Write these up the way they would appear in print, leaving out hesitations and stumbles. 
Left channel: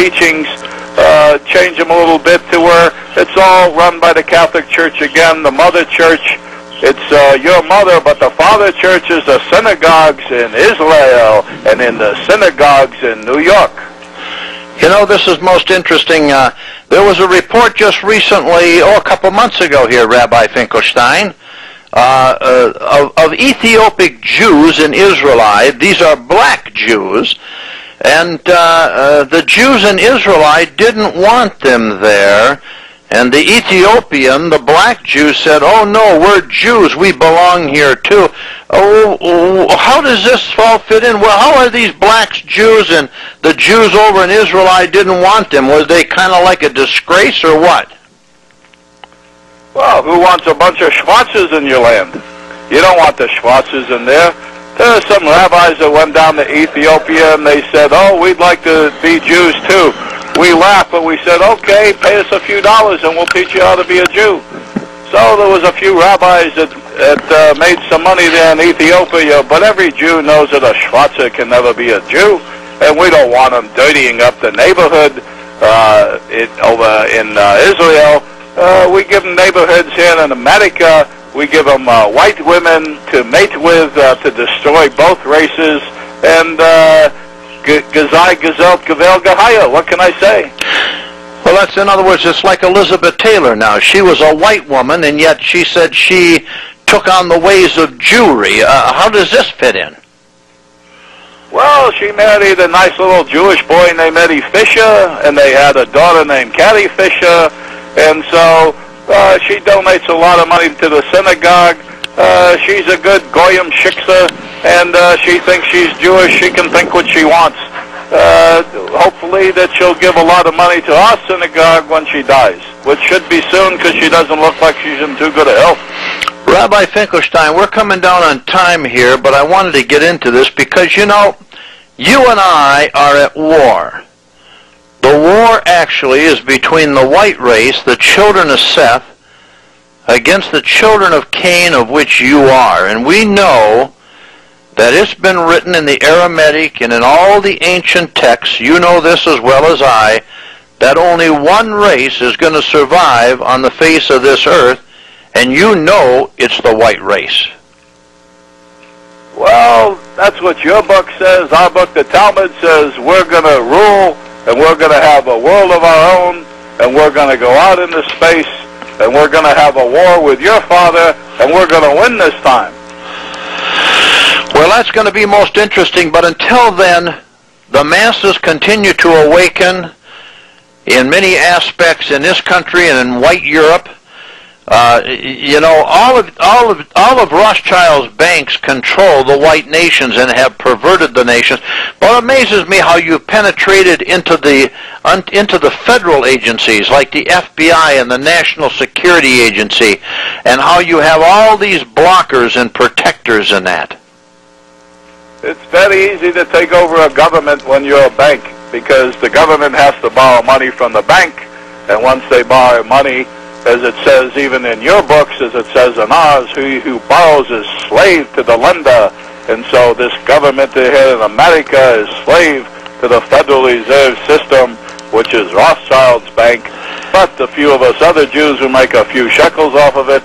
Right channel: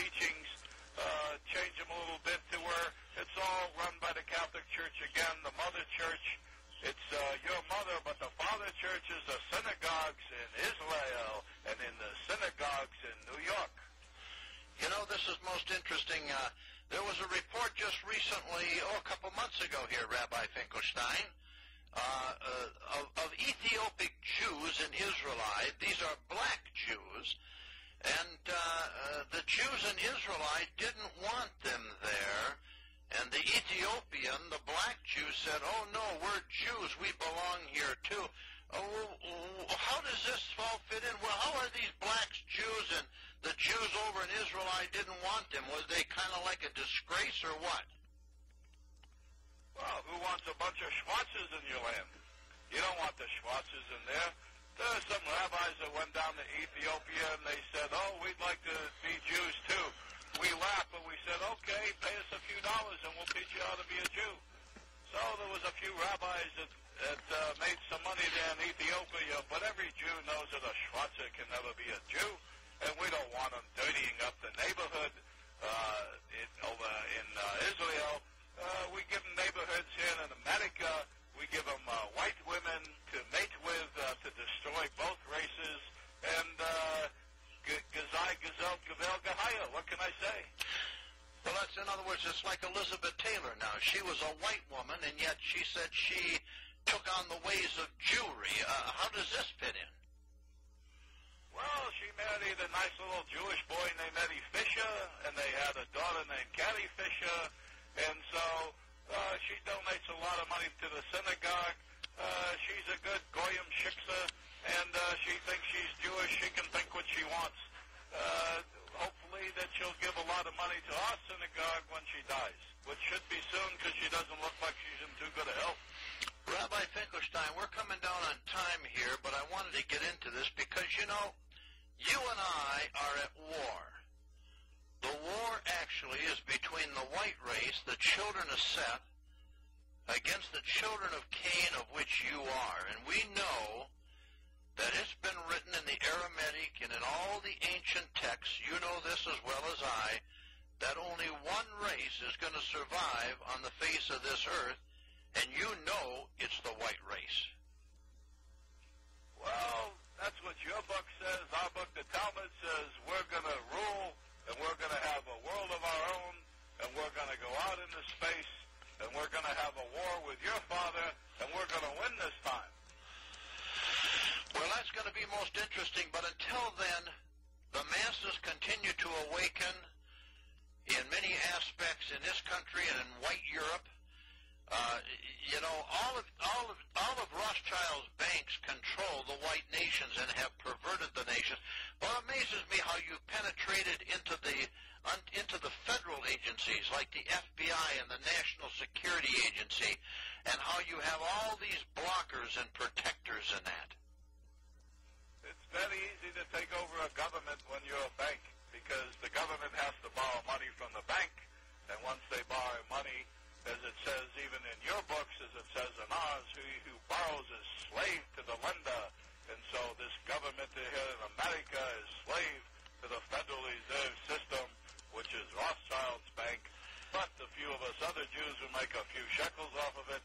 teachings, change them a little bit to where it's all run by the Catholic Church again, the Mother Church. It's your mother, but the Father Church is the synagogues in Israel and in the synagogues in New York. You know, this is most interesting. There was a report just recently, a couple months ago here, Rabbi Finkelstein, of Ethiopic Jews in Israelite. These are black Jews, and the Jews in Israelite didn't want them there. And the Ethiopian, the black Jew, said, "Oh no, we're Jews, we belong here too." Oh, how does this all fit in? Well, how are these blacks Jews and the Jews over in Israel didn't want them? Was they kind of like a disgrace or what? Well, who wants a bunch of Schwarzes in your land? You don't want the Schwarzes in there. There are some rabbis that went down to Ethiopia and they said, "Oh, we'd like to be Jews too." We laughed, but we said, "Okay, pay us a few dollars and we'll teach you how to be a Jew." So there was a few rabbis that made some money there in Ethiopia, but every Jew knows that a Schwarzer can never be a Jew, and we don't want them dirtying up the neighborhood over in Israel. We give them neighborhoods here in America. We give them white women to mate with, to destroy both races, and Gazai, Gazelt, Gavel, Gahaya. What can I say? Well, that's, in other words, it's like Elizabeth Taylor now. She was a white woman, and yet she said she took on the ways of Jewry. How does this fit in? Well, she married a nice little Jewish boy named Eddie Fisher, and they had a daughter named Carrie Fisher, and so she donates a lot of money to the synagogue. She's a good Goyim shiksa, and she thinks she's Jewish. She can think what she wants. Hopefully that she'll give a lot of money to our synagogue when she dies, which should be soon because she doesn't look like she's in too good a health. Rabbi Finkelstein, we're coming down on time here, but I wanted to get into this because, you know, you and I are at war. The war actually is between the white race, the children of Seth, against the children of Cain, of which you are. And we know that it's been written in the Aramaic and in all the ancient texts, you know this as well as I, that only one race is going to survive on the face of this earth, and you know it's the white race. Well, that's what your book says. Our book, the Talmud, says we're going to rule, and we're going to have a world of our own, and we're going to go out into space, and we're going to have a war with your father, and we're going to win this time. Well, that's going to be most interesting, but until then, the masses continue to awaken in many aspects in this country and in white Europe. You know, all of Rothschild's banks control the white nations and have perverted the nations. But it amazes me how you penetrated into the federal agencies like the FBI and the National Security Agency, and how you have all these blockers and protectors in that. It's very easy to take over a government when you're a bank, because the government has to borrow money from the bank, and once they borrow money, as it says even in your books, as it says in ours, who borrows is slave to the lender. And so this government here in America is slave to the Federal Reserve System, which is Rothschild's bank, but a few of us other Jews who make a few shekels off of it.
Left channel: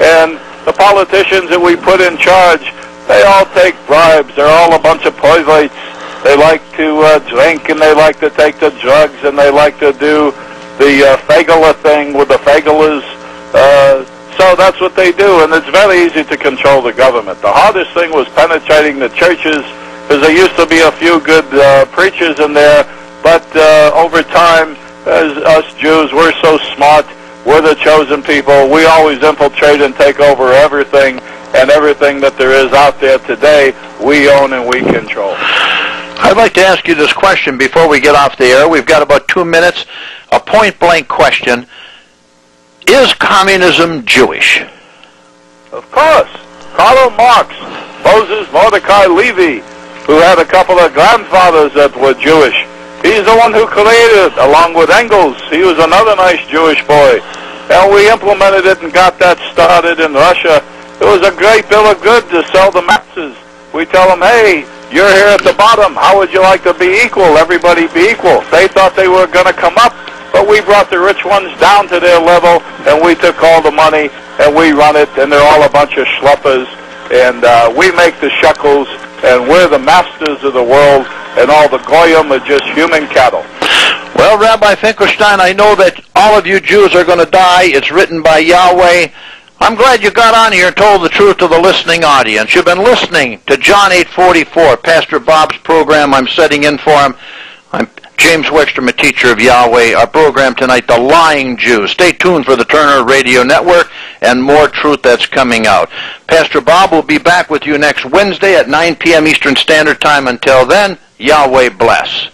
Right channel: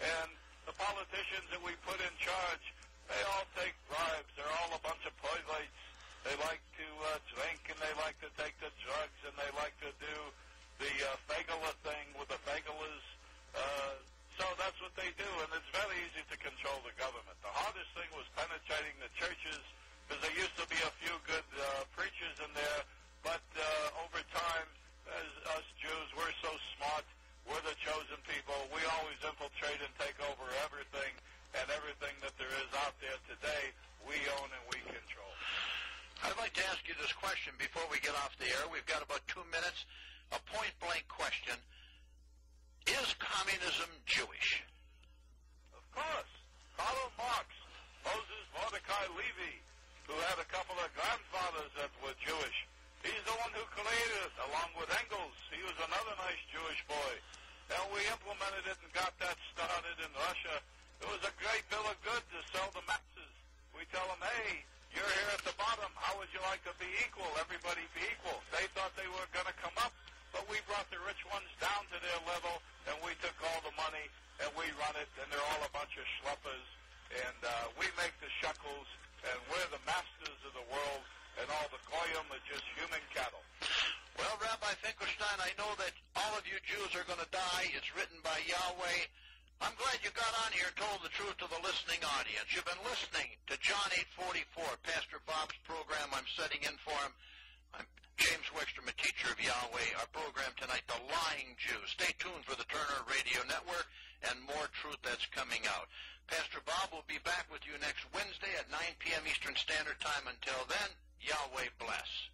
And the politicians that we put in charge, they all take bribes. They're all a bunch of perverts. They like to drink, and they like to take the drugs, and they like to do the Fagala thing with the Fagalas. So that's what they do, and it's very easy to control the government. The hardest thing was penetrating the churches, because there used to be a few good preachers in there, but over time, as us Jews, we're so smart. We're the chosen people. We always infiltrate and take over everything, and everything that there is out there today, we own and we control. I'd like to ask you this question before we get off the air. We've got about 2 minutes. A point-blank question. Is communism Jewish? Of course. Karl Marx, Moses Mordecai Levy, who had a couple of grandfathers that were Jewish. He's the one who created it, along with Engels. He was another nice Jewish boy. And we implemented it and got that started in Russia. It was a great bill of goods to sell the masses. We tell them, hey, You're here at the bottom. How would you like to be equal? Everybody be equal. They thought they were going to come up, but we brought the rich ones down to their level, and we took all the money, and we run it, and they're all a bunch of schleppers, and we make the shekels, and we're the masters of the world, and all the goyim are just human cattle. Well, Rabbi Finkelstein, I know that all of you Jews are going to die. It's written by Yahweh. I'm glad you got on here and told the truth to the listening audience. You've been listening to John 8:44, Pastor Bob's program. I'm setting in for him. I'm James Wickstrom, a teacher of Yahweh. Our program tonight, The Lying Jew. Stay tuned for the Turner Radio Network and more truth that's coming out. Pastor Bob will be back with you next Wednesday at 9 p.m. Eastern Standard Time. Until then, Yahweh bless.